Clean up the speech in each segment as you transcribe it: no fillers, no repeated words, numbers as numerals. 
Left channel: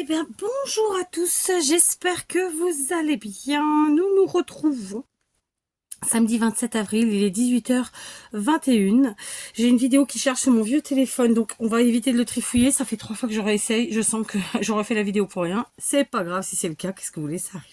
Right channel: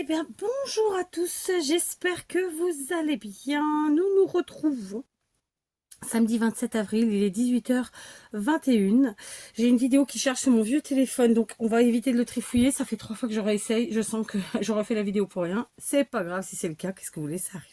Eh bien, bonjour à tous, j'espère que vous allez bien. Nous nous retrouvons samedi 27 avril, il est 18h21. J'ai une vidéo qui cherche sur mon vieux téléphone, donc on va éviter de le trifouiller. Ça fait 3 fois que je réessaye, je sens que j'aurais fait la vidéo pour rien. C'est pas grave si c'est le cas, qu'est-ce que vous voulez, ça arrive.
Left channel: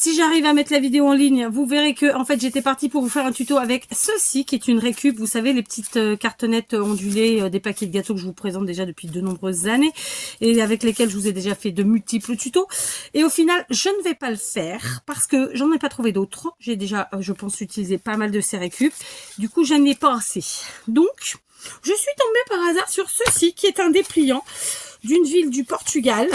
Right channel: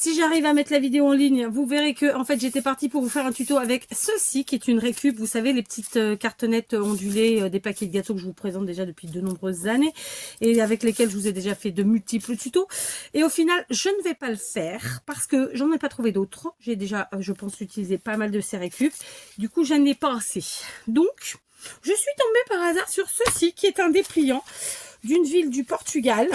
Si j'arrive à mettre la vidéo en ligne, vous verrez que en fait j'étais partie pour vous faire un tuto avec ceci qui est une récup. Vous savez, les petites cartonnettes ondulées des paquets de gâteaux que je vous présente déjà depuis de nombreuses années et avec lesquelles je vous ai déjà fait de multiples tutos. Et au final, je ne vais pas le faire parce que j'en ai pas trouvé d'autres. J'ai déjà, je pense, utilisé pas mal de ces récup. Du coup, je n'en ai pas assez. Donc, je suis tombée par hasard sur ceci qui est un dépliant d'une ville du Portugal.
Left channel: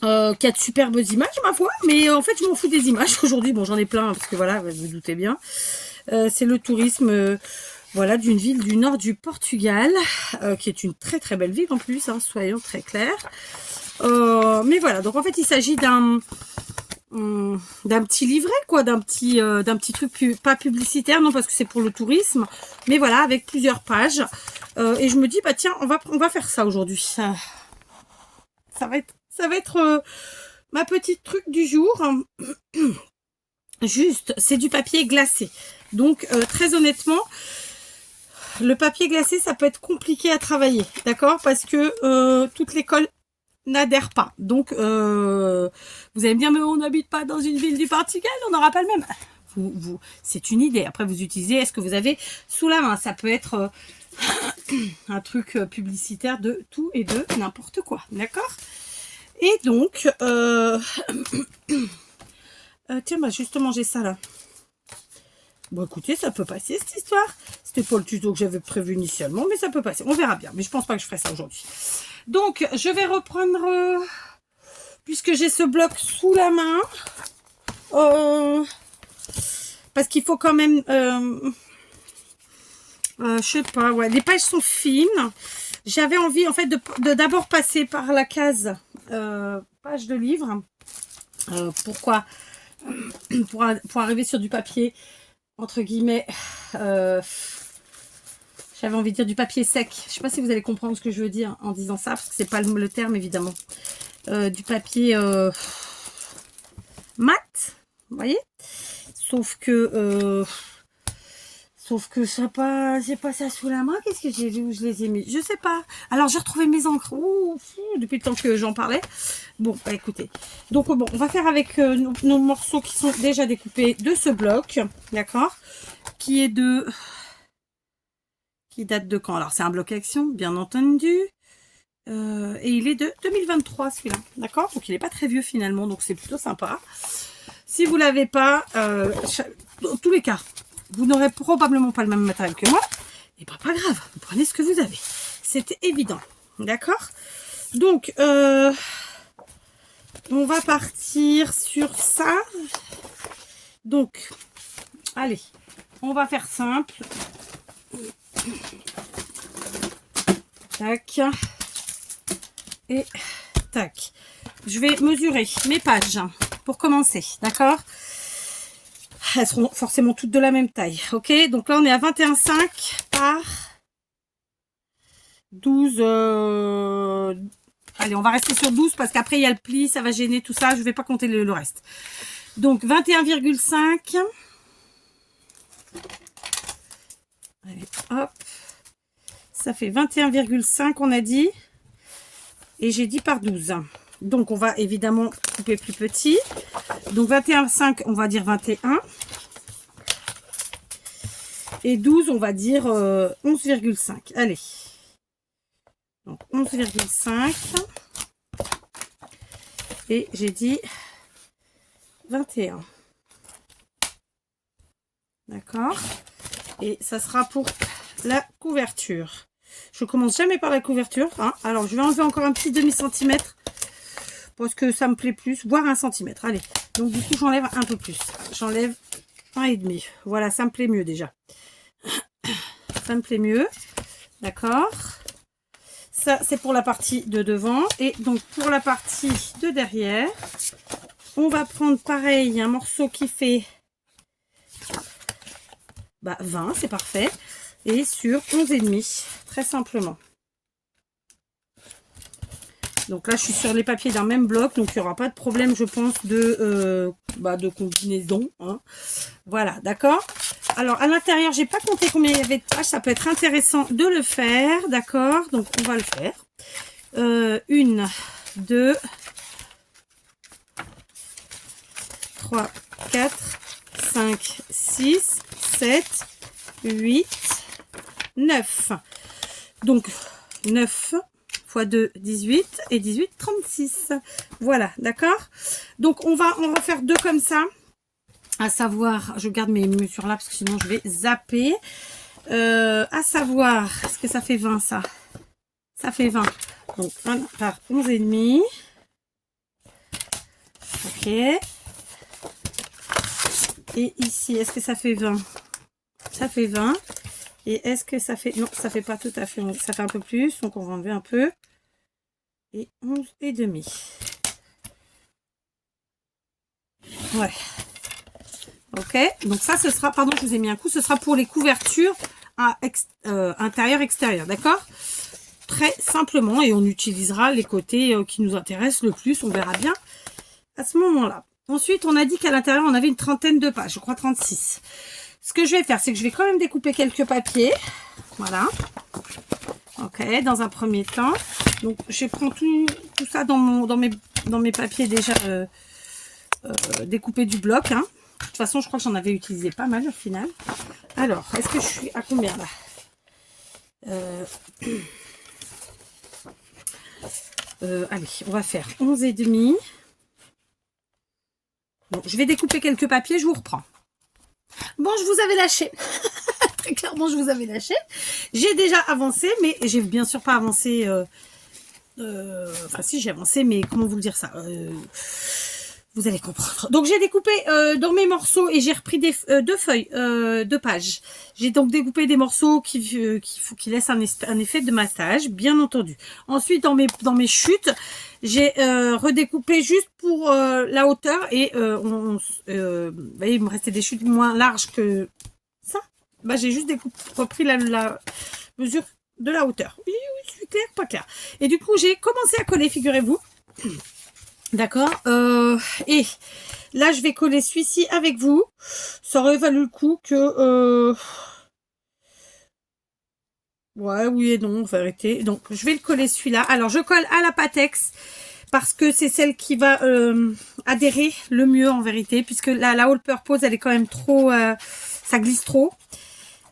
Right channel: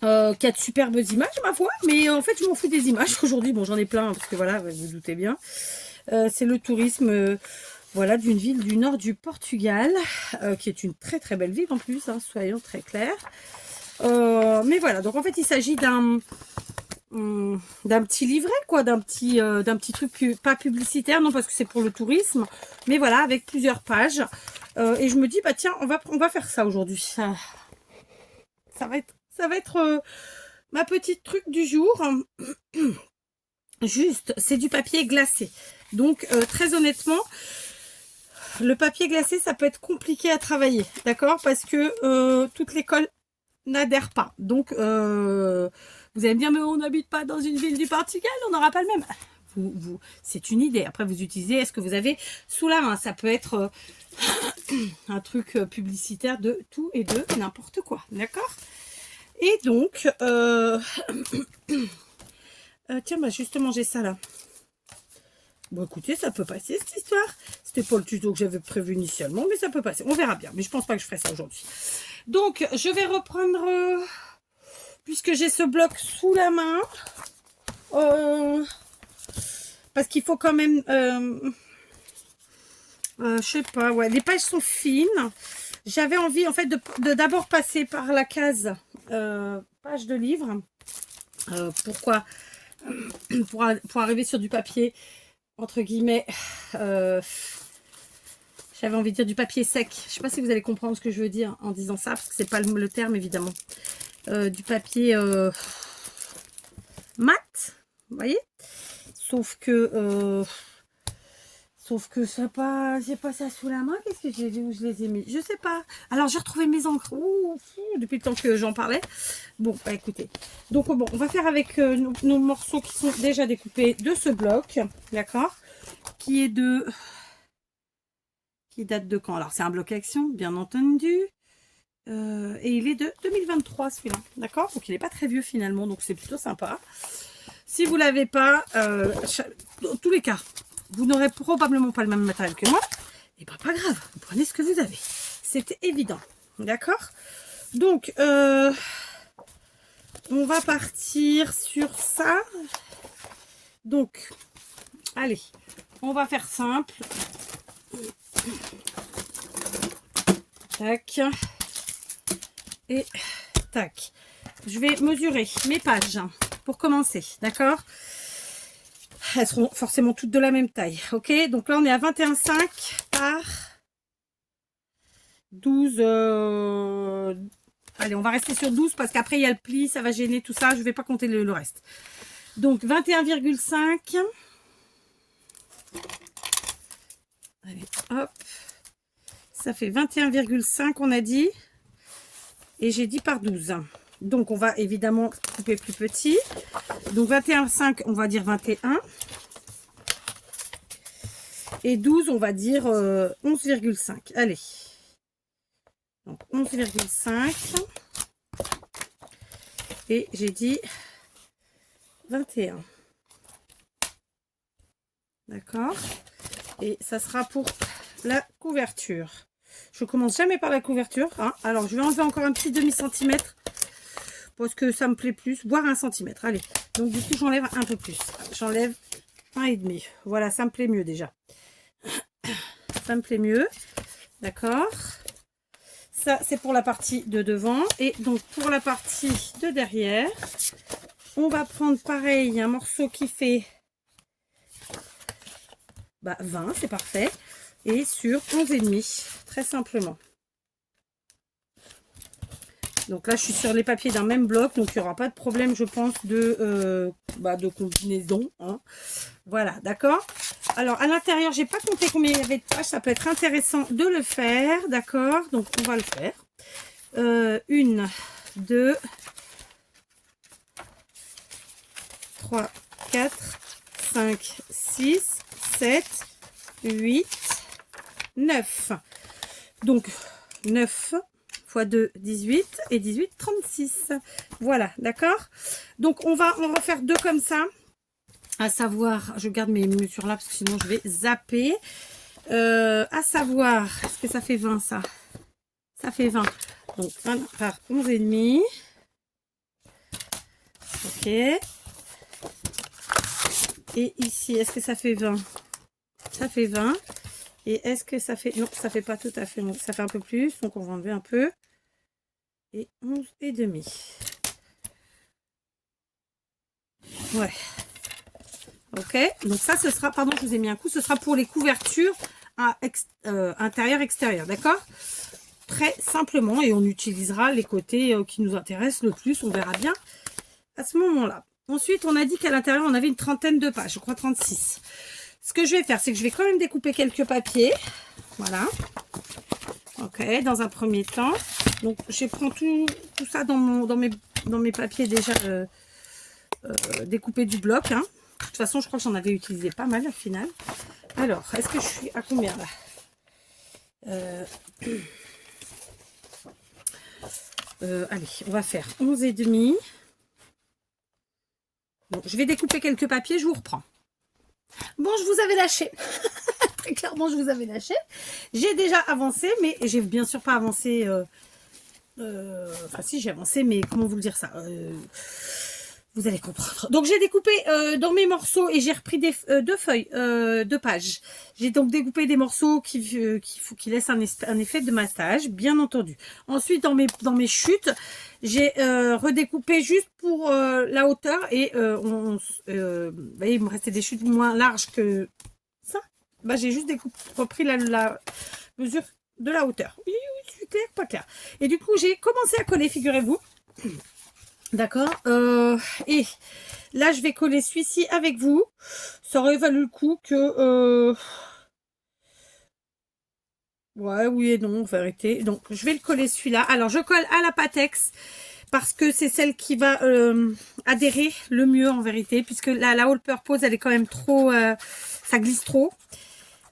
Qui a de superbes images, ma foi, mais en fait je m'en fous des images aujourd'hui. Bon, j'en ai plein parce que voilà, vous vous doutez bien, c'est le tourisme voilà, d'une ville du nord du Portugal, qui est une très très belle ville en plus, hein, soyons très clairs. Mais voilà, donc en fait il s'agit d'un petit livret, quoi, d'un petit truc pas publicitaire, non, parce que c'est pour le tourisme, mais voilà, avec plusieurs pages. Et je me dis, bah tiens, on va faire ça aujourd'hui. Ça va être ma petite truc du jour. Juste, c'est du papier glacé. Donc, très honnêtement, le papier glacé, ça peut être compliqué à travailler. D'accord? Parce que toute l'école n'adhère pas. Donc, vous allez me dire, mais on n'habite pas dans une ville du Portugal, on n'aura pas le même. C'est une idée. Après, vous utilisez, est-ce que vous avez sous la main? Ça peut être un truc publicitaire de tout et de n'importe quoi. D'accord? Et donc, tiens, bah justement, j'ai ça là. Bon, écoutez, ça peut passer cette histoire. C'était pas le tuto que j'avais prévu initialement, mais ça peut passer. On verra bien, mais je pense pas que je ferai ça aujourd'hui. Donc, je vais reprendre, puisque j'ai ce bloc sous la main, parce qu'il faut quand même, je sais pas, ouais, les pages sont fines. J'avais envie, en fait, de d'abord passer par la case page de livre. Pourquoi? Pour arriver sur du papier, entre guillemets, j'avais envie de dire du papier sec. Je ne sais pas si vous allez comprendre ce que je veux dire en disant ça, parce que c'est pas le terme, évidemment. Du papier mat, vous voyez? Sauf que j'ai pas ça sous la main. Qu'est-ce que j'ai vu où je les ai mis? Je sais pas. Alors j'ai retrouvé mes encres. Ouh, depuis le temps que j'en parlais. Bon, bah, écoutez. Donc bon, on va faire avec nos morceaux qui sont déjà découpés de ce bloc, d'accord? Qui date de quand? Alors c'est un bloc action, bien entendu. Et il est de 2023 celui-là, d'accord? Donc il n'est pas très vieux finalement, donc c'est plutôt sympa. Si vous l'avez pas, dans tous les cas, vous n'aurez probablement pas le même matériel que moi. Et ben pas grave, vous prenez ce que vous avez. C'était évident. D'accord? Donc, on va partir sur ça. Donc, allez, on va faire simple. Tac. Et tac. Je vais mesurer mes pages pour commencer. D'accord? Elles seront forcément toutes de la même taille. Ok, donc là on est à 21,5 par 12. Allez, on va rester sur 12 parce qu'après il y a le pli, ça va gêner tout ça. Je ne vais pas compter le reste. Donc 21,5. Allez, hop. Ça fait 21,5 on a dit. Et j'ai dit par 12. Donc on va évidemment couper plus petit. Donc 21,5 on va dire 21. Et 12, on va dire 11,5. Allez. Donc 11,5. Et j'ai dit 21. D'accord? Et ça sera pour la couverture. Je commence jamais par la couverture. Hein. Alors, je vais enlever encore un petit demi-centimètre. Parce que ça me plaît plus. Voire 1 centimètre. Allez. Donc, du coup, j'enlève un peu plus. J'enlève 1,5. Voilà, ça me plaît mieux déjà. Ça me plaît mieux. D'accord? Ça, c'est pour la partie de devant. Et donc, pour la partie de derrière, on va prendre pareil un morceau qui fait 20, c'est parfait. Et sur 11,5, très simplement. Donc là, je suis sur les papiers d'un même bloc, donc il n'y aura pas de problème, je pense, de combinaison. Hein. Voilà, d'accord. Alors, à l'intérieur, j'ai pas compté combien il y avait de pages. Ça peut être intéressant de le faire, d'accord. Donc, on va le faire. 1, 2, 3, 4, 5, 6, 7, 8, 9. Donc, 9 x 2, 18 et 18, 36. Voilà, d'accord. Donc, on va en refaire 2 comme ça. À savoir, je garde mes mesures là parce que sinon je vais zapper. À savoir, est-ce que ça fait 20 ça? Ça fait 20. Donc, 1 par 11,5. Ok. Et ici, est-ce que ça fait 20? Ça fait 20. Et est-ce que ça fait... Non, ça fait pas tout à fait... Ça fait un peu plus. Donc, on va enlever un peu. Et 11,5. Ouais. Ok. Donc, ça, ce sera... Pardon, je vous ai mis un coup. Ce sera pour les couvertures intérieur-extérieur. D'accord? Très simplement. Et on utilisera les côtés qui nous intéressent le plus. On verra bien à ce moment-là. Ensuite, on a dit qu'à l'intérieur, on avait une trentaine de pages. Je crois 36. Ce que je vais faire, c'est que je vais quand même découper quelques papiers. Voilà. Ok, dans un premier temps. Donc, je prends tout ça dans mes papiers déjà découpés du bloc. Hein. De toute façon, je crois que j'en avais utilisé pas mal au final. Alors, est-ce que je suis à combien là allez, on va faire 11,5. Bon, je vais découper quelques papiers, je vous reprends. Bon, je vous avais lâché. Très clairement, je vous avais lâché. J'ai déjà avancé, mais j'ai bien sûr pas avancé. Enfin, si, j'ai avancé, mais comment vous dire ça vous allez comprendre. Donc, j'ai découpé dans mes morceaux et j'ai repris 2 feuilles, 2 pages. J'ai donc découpé des morceaux qui laissent un effet de massage, bien entendu. Ensuite, dans mes chutes, j'ai redécoupé juste pour la hauteur et vous voyez, il me restait des chutes moins larges que ça. Bah, j'ai juste repris la mesure de la hauteur. Oui, c'est clair, pas clair. Et du coup, j'ai commencé à coller, figurez-vous. D'accord. Et là, je vais coller celui-ci avec vous. Ça aurait valu le coup que... Ouais, oui et non, on va arrêter. Donc, je vais le coller celui-là. Alors, je colle à la Pattex parce que c'est celle qui va adhérer le mieux en vérité. Puisque la All Purpose, elle est quand même trop... ça glisse trop.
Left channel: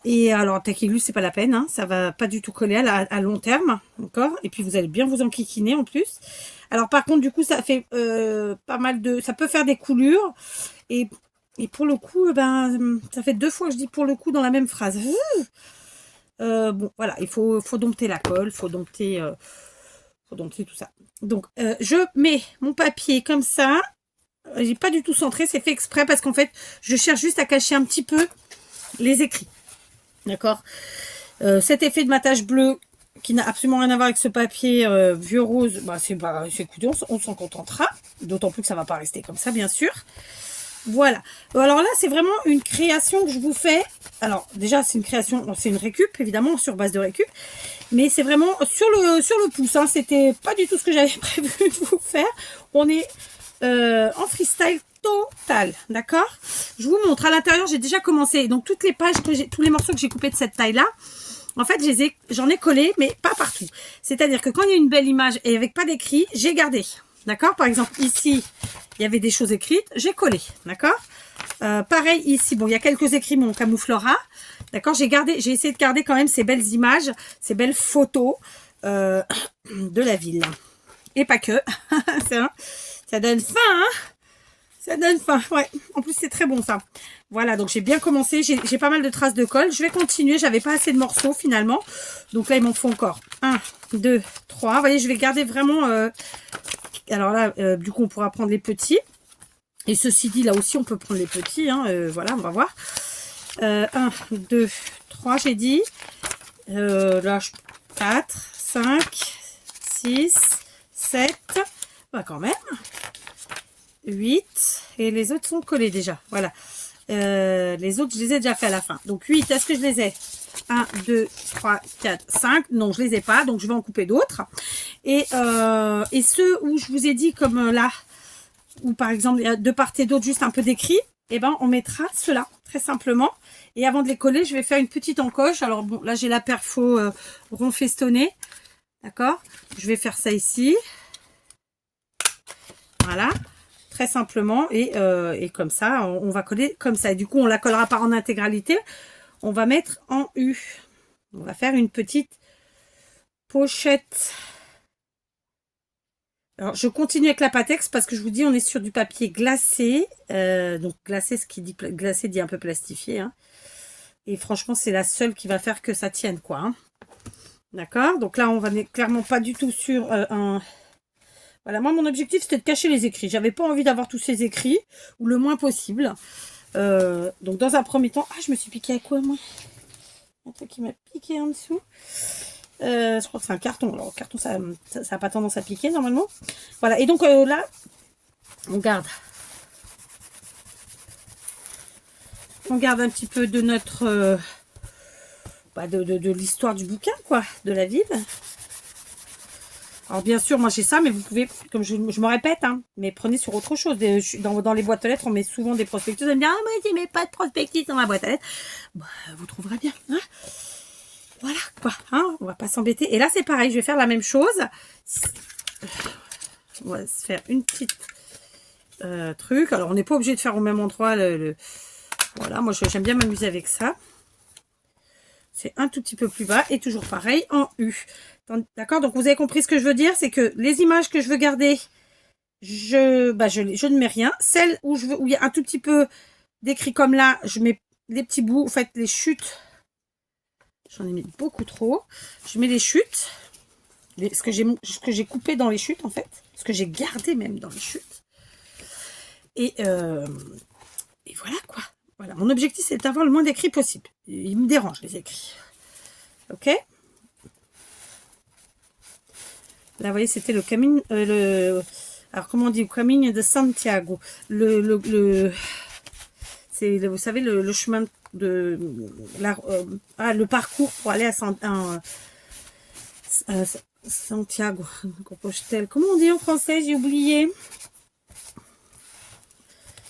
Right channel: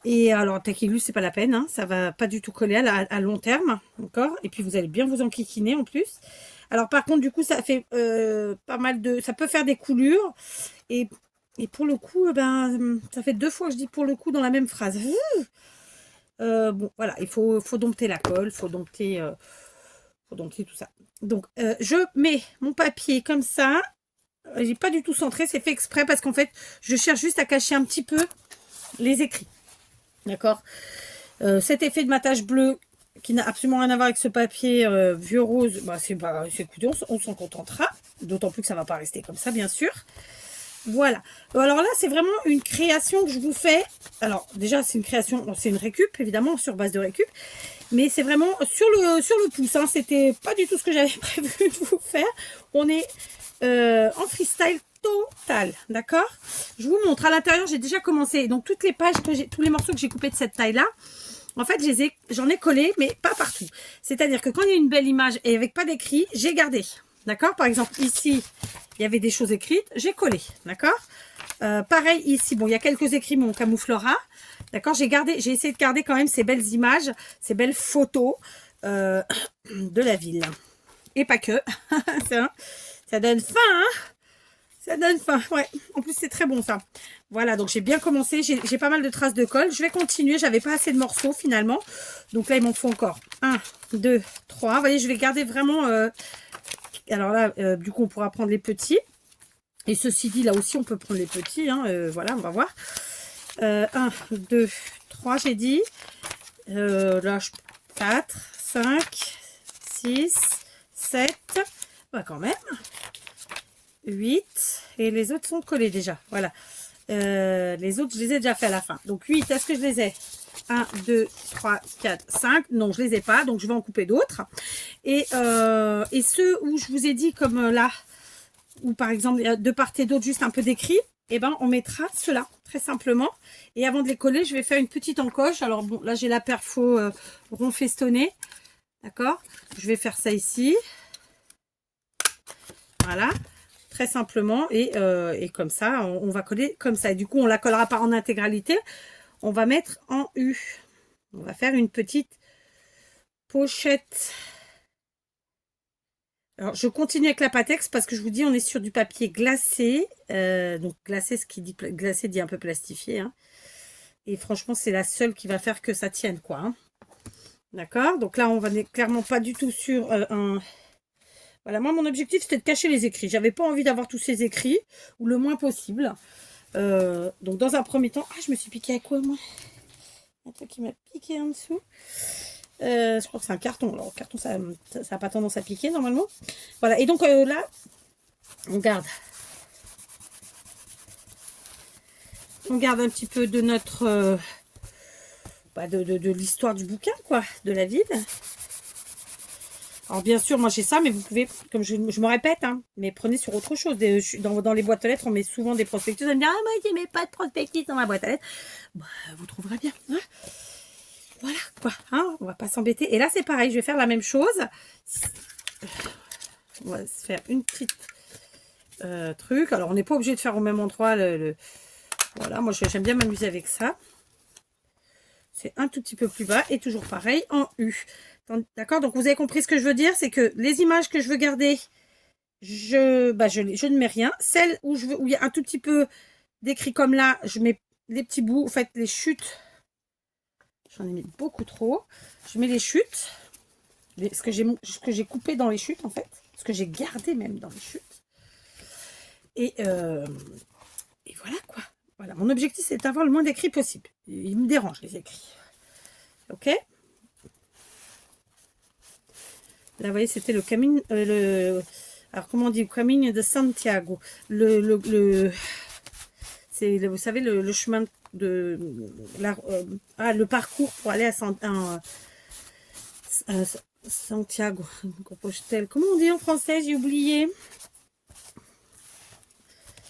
Et alors, Taquilus, c'est pas la peine. Hein, ça va pas du tout coller à long terme. D'accord. Et puis, vous allez bien vous enquiquiner en plus. Alors par contre, du coup, ça fait pas mal de... Ça peut faire des coulures. Et pour le coup, ça fait 2 fois que je dis pour le coup dans la même phrase. Bon, voilà, il faut dompter la colle, faut dompter tout ça. Donc, je mets mon papier comme ça. J'ai pas du tout centré, c'est fait exprès parce qu'en fait, je cherche juste à cacher un petit peu les écrits. D'accord. Cet effet de matage bleu qui n'a absolument rien à voir avec ce papier vieux rose, bah, écoutez, on s'en contentera. D'autant plus que ça ne va pas rester comme ça, bien sûr. Voilà. Alors là, c'est vraiment une création que je vous fais. Alors, déjà, c'est une création, c'est une récup, évidemment, sur base de récup. Mais c'est vraiment sur le pouce. Hein. C'était pas du tout ce que j'avais prévu de vous faire. On est en freestyle total. D'accord. Je vous montre. À l'intérieur, j'ai déjà commencé. Donc, toutes les pages, tous les morceaux que j'ai coupés de cette taille-là, en fait, j'en ai collé, mais pas partout. C'est-à-dire que quand il y a une belle image et avec pas d'écrit, j'ai gardé. D'accord. Par exemple, ici, il y avait des choses écrites, j'ai collé. D'accord. Pareil ici, bon, il y a quelques écrits, mais on camouflera. D'accord. J'ai essayé de garder quand même ces belles images, ces belles photos de la ville. Et pas que. Ça donne faim, hein. Ça donne faim, ouais. En plus, c'est très bon, ça. Voilà, donc j'ai bien commencé. J'ai pas mal de traces de colle. Je vais continuer. J'avais pas assez de morceaux, finalement. Donc là, il m'en faut encore 1, 2, 3. Vous voyez, je vais garder vraiment... alors là, du coup, on pourra prendre les petits. Et ceci dit, là aussi, on peut prendre les petits. Hein. Voilà, on va voir. 1, 2, 3, j'ai dit. Là, 4, 5, 6, 7. Bah, quand même. 8 et les autres sont collés déjà, voilà. Les autres je les ai déjà fait à la fin, donc 8, est-ce que je les ai? 1, 2, 3, 4, 5, non je les ai pas, donc je vais en couper d'autres. Et ceux où je vous ai dit, comme là, où par exemple, il y a de part et d'autre juste un peu d'écrit, et ben on mettra cela, très simplement. Et avant de les coller, je vais faire une petite encoche. Alors bon, là j'ai la perfo rond festonné. D'accord? Je vais faire ça ici. Voilà. Très simplement. Et comme ça, on va coller comme ça. Et du coup, on la collera pas en intégralité. On va mettre en U. On va faire une petite pochette. Alors, je continue avec la Patex parce que je vous dis, on est sur du papier glacé. Donc, glacé, ce qui dit glacé dit un peu plastifié. Hein. Et franchement, c'est la seule qui va faire que ça tienne, quoi. Hein. D'accord? Donc là, on va clairement pas du tout sur un... Voilà, moi, mon objectif, c'était de cacher les écrits. J'avais pas envie d'avoir tous ces écrits, ou le moins possible. Donc, dans un premier temps... Ah, je me suis piqué à quoi, moi? Un truc qui m'a piqué en dessous. Je crois que c'est un carton. Alors, le carton, ça n'a pas tendance à piquer, normalement. Voilà, et donc là, on garde un petit peu de notre... de l'histoire du bouquin, quoi, de la ville. Alors, bien sûr, moi, j'ai ça, mais vous pouvez, comme je me répète, hein, mais prenez sur autre chose. Dans les boîtes aux lettres, on met souvent des prospectus. Vous allez me dire, ah, moi, je mets pas de prospectus dans ma boîte à lettres. Bah, vous trouverez bien, hein. Voilà, quoi, hein, on va pas s'embêter. Et là, c'est pareil, je vais faire la même chose. On va se faire une petite truc. Alors, on n'est pas obligé de faire au même endroit. Voilà, moi, j'aime bien m'amuser avec ça. C'est un tout petit peu plus bas et toujours pareil en U. D'accord? Donc, vous avez compris ce que je veux dire? C'est que les images que je veux garder, je ne mets rien. Celles où il y a un tout petit peu d'écrit comme là, je mets les petits bouts. En fait, les chutes, j'en ai mis beaucoup trop. Je mets les chutes. Ce que j'ai coupé dans les chutes, en fait. Ce que j'ai gardé même dans les chutes. Et voilà, quoi. Voilà. Mon objectif, c'est d'avoir le moins d'écrits possible. Il me dérange, les écrits. Ok? Là, vous voyez, c'était le camino... alors, comment on dit? Le camino de Santiago. C'est, vous savez, le chemin de... le parcours pour aller à Santiago. Compostelle. Comment on dit en français? J'ai oublié.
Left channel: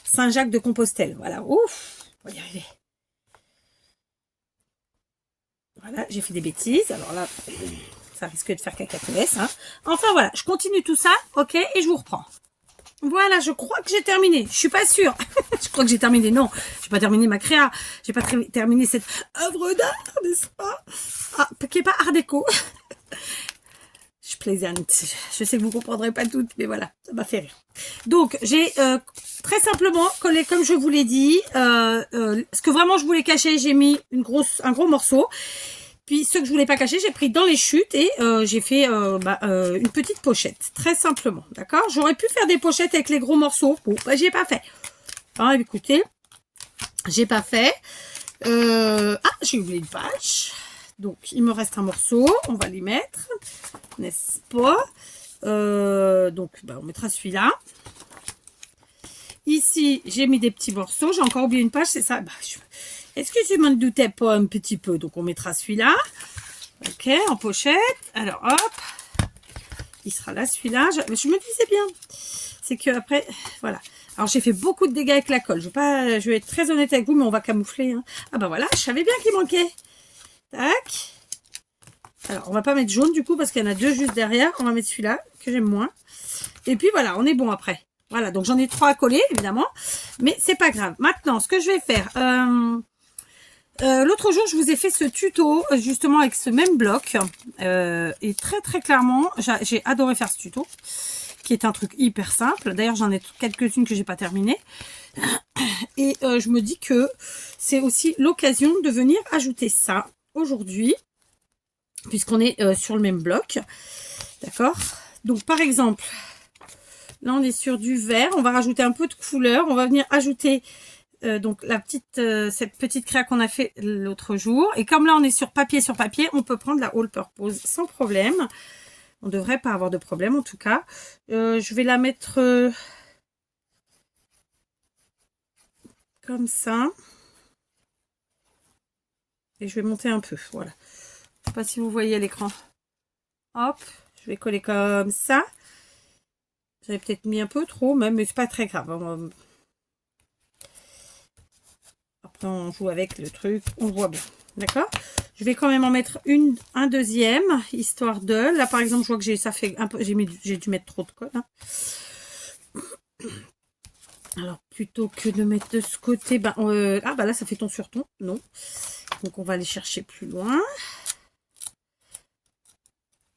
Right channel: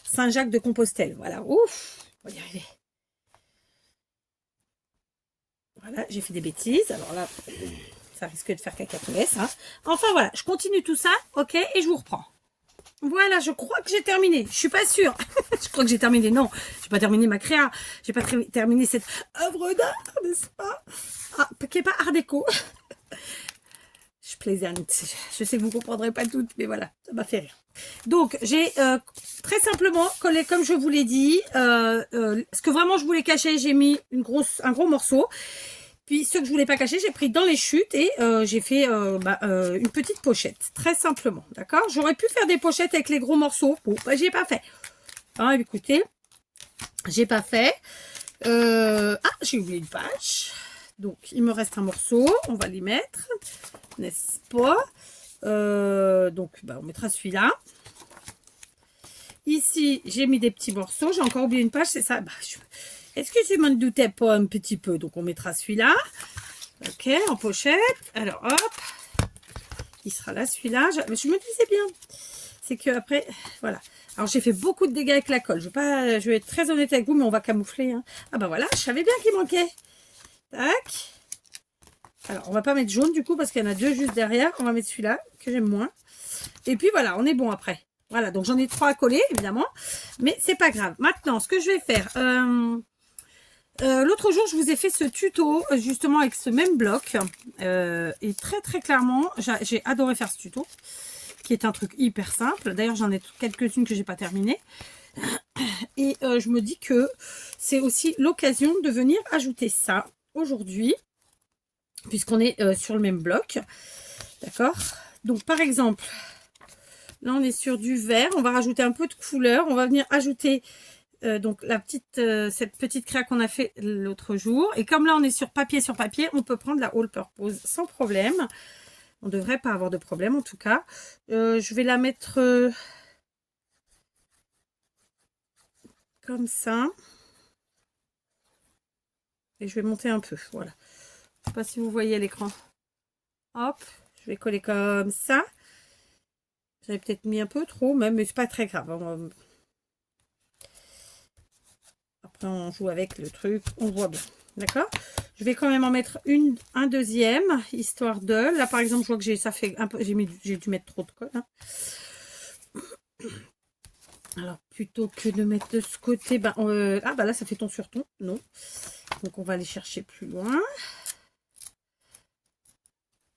Saint-Jacques de Compostelle. Voilà. Ouf, on va y arriver. Voilà, j'ai fait des bêtises. Alors là, ça risque de faire cacatoès. Hein. Enfin, voilà, je continue tout ça, ok, et je vous reprends. Voilà, je crois que j'ai terminé. Je suis pas sûre. Je crois que j'ai terminé. Non, j'ai pas terminé ma créa. J'ai pas terminé cette œuvre d'art, n'est-ce pas? Ah, qui est pas art déco. Je plaisante. Je sais que vous comprendrez pas toutes, mais voilà, ça m'a fait rire. Donc, j'ai très simplement collé, comme je vous l'ai dit, ce que vraiment je voulais cacher, j'ai mis un gros morceau. Puis, ce que je voulais pas cacher, j'ai pris dans les chutes et j'ai fait une petite pochette, très simplement, d'accord? J'aurais pu faire des pochettes avec les gros morceaux. Bon, bah, j'ai pas fait. Hein, écoutez, j'ai pas fait. J'ai oublié une page. Donc, il me reste un morceau. On va les mettre, n'est-ce pas? Donc, on mettra celui-là. Ici, j'ai mis des petits morceaux. J'ai encore oublié une page, c'est ça. Est-ce que je m'en doutais pas un petit peu? Donc, on mettra celui-là. Ok, en pochette. Alors, hop. Il sera là, celui-là. Je me disais bien. C'est que après, voilà. Alors, j'ai fait beaucoup de dégâts avec la colle. Je vais être très honnête avec vous, mais on va camoufler. Hein. Ah, bah voilà, je savais bien qu'il manquait. Tac. Alors, on va pas mettre jaune, du coup, parce qu'il y en a deux juste derrière. On va mettre celui-là, que j'aime moins. Et puis, voilà, on est bon après. Voilà, donc j'en ai 3 à coller, évidemment. Mais c'est pas grave. Maintenant, ce que je vais faire... l'autre jour, je vous ai fait ce tuto, justement, avec ce même bloc. Et très, très clairement, j'ai adoré faire ce tuto, qui est un truc hyper simple. D'ailleurs, j'en ai quelques-unes que j'ai pas terminées. Et je me dis que c'est aussi l'occasion de venir ajouter ça aujourd'hui, puisqu'on est sur le même bloc. D'accord? Donc, par exemple, là, on est sur du vert. On va rajouter un peu de couleur. On va venir ajouter... donc cette petite créa qu'on a fait l'autre jour. Et comme là on est sur papier, on peut prendre la All Purpose sans problème. On ne devrait pas avoir de problème en tout cas. Je vais la mettre comme ça. Et je vais monter un peu. Voilà. Je ne sais pas si vous voyez à l'écran. Hop, je vais coller comme ça. J'avais peut-être mis un peu trop même, mais c'est pas très grave. Après, on joue avec le truc, on voit bien. D'accord? Je vais quand même en mettre un deuxième, histoire de... Là, par exemple, je vois que ça fait un peu... J'ai dû mettre trop de colle. Hein. Alors, plutôt que de mettre de ce côté... ah, bah là, ça fait ton sur ton. Non. Donc, on va aller chercher plus loin.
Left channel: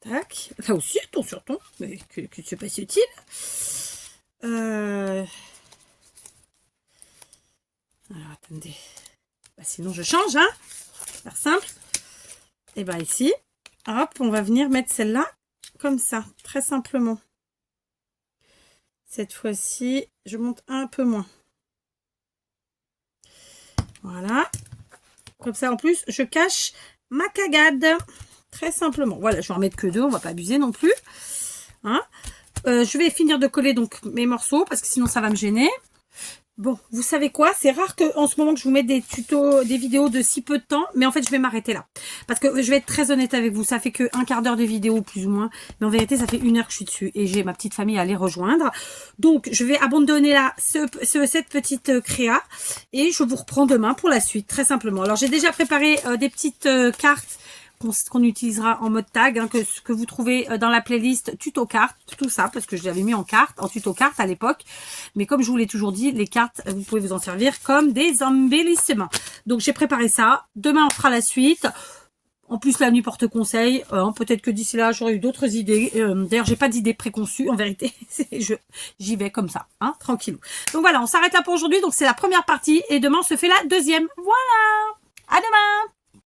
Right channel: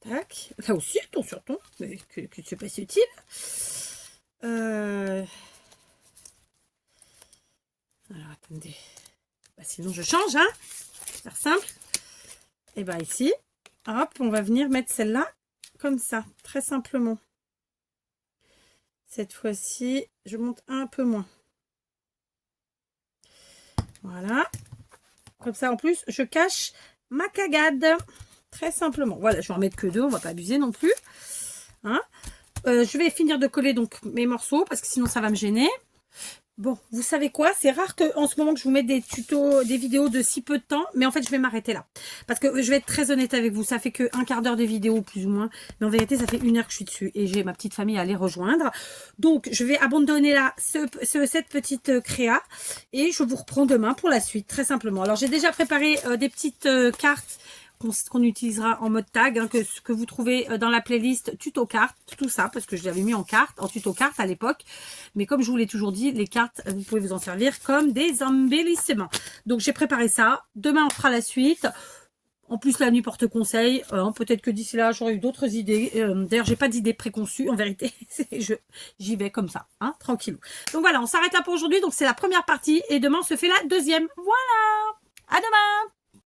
Tac. Là aussi, ton sur ton. Mais que c'est pas si utile. Alors, attendez. Bah, sinon, je change, hein. Faire simple. Et bien ici, hop, on va venir mettre celle-là comme ça, très simplement. Cette fois-ci, je monte un peu moins. Voilà. Comme ça, en plus, je cache ma cagade. Très simplement. Voilà, je vais en mettre que 2, on va pas abuser non plus. Hein, je vais finir de coller donc mes morceaux parce que sinon ça va me gêner. Bon, vous savez quoi? C'est rare qu'en ce moment que je vous mette des tutos, des vidéos de si peu de temps, mais en fait je vais m'arrêter là. Parce que je vais être très honnête avec vous, ça fait que un quart d'heure de vidéo plus ou moins, mais en vérité ça fait 1 heure que je suis dessus et j'ai ma petite famille à les rejoindre. Donc je vais abandonner là cette petite créa et je vous reprends demain pour la suite, très simplement. Alors j'ai déjà préparé des petites cartes qu'on utilisera en mode tag, hein, que vous trouvez dans la playlist tuto cartes, tout ça, parce que je l'avais mis en tuto carte à l'époque. Mais comme je vous l'ai toujours dit, les cartes, vous pouvez vous en servir comme des embellissements. Donc j'ai préparé ça. Demain, on fera la suite. En plus, la nuit porte conseil. Peut-être que d'ici là, j'aurai eu d'autres idées. D'ailleurs, j'ai pas d'idées préconçues, en vérité. J'y vais comme ça, hein, tranquillou. Donc voilà, on s'arrête là pour aujourd'hui. Donc c'est la première partie. Et demain, on se fait la deuxième. Voilà. À demain.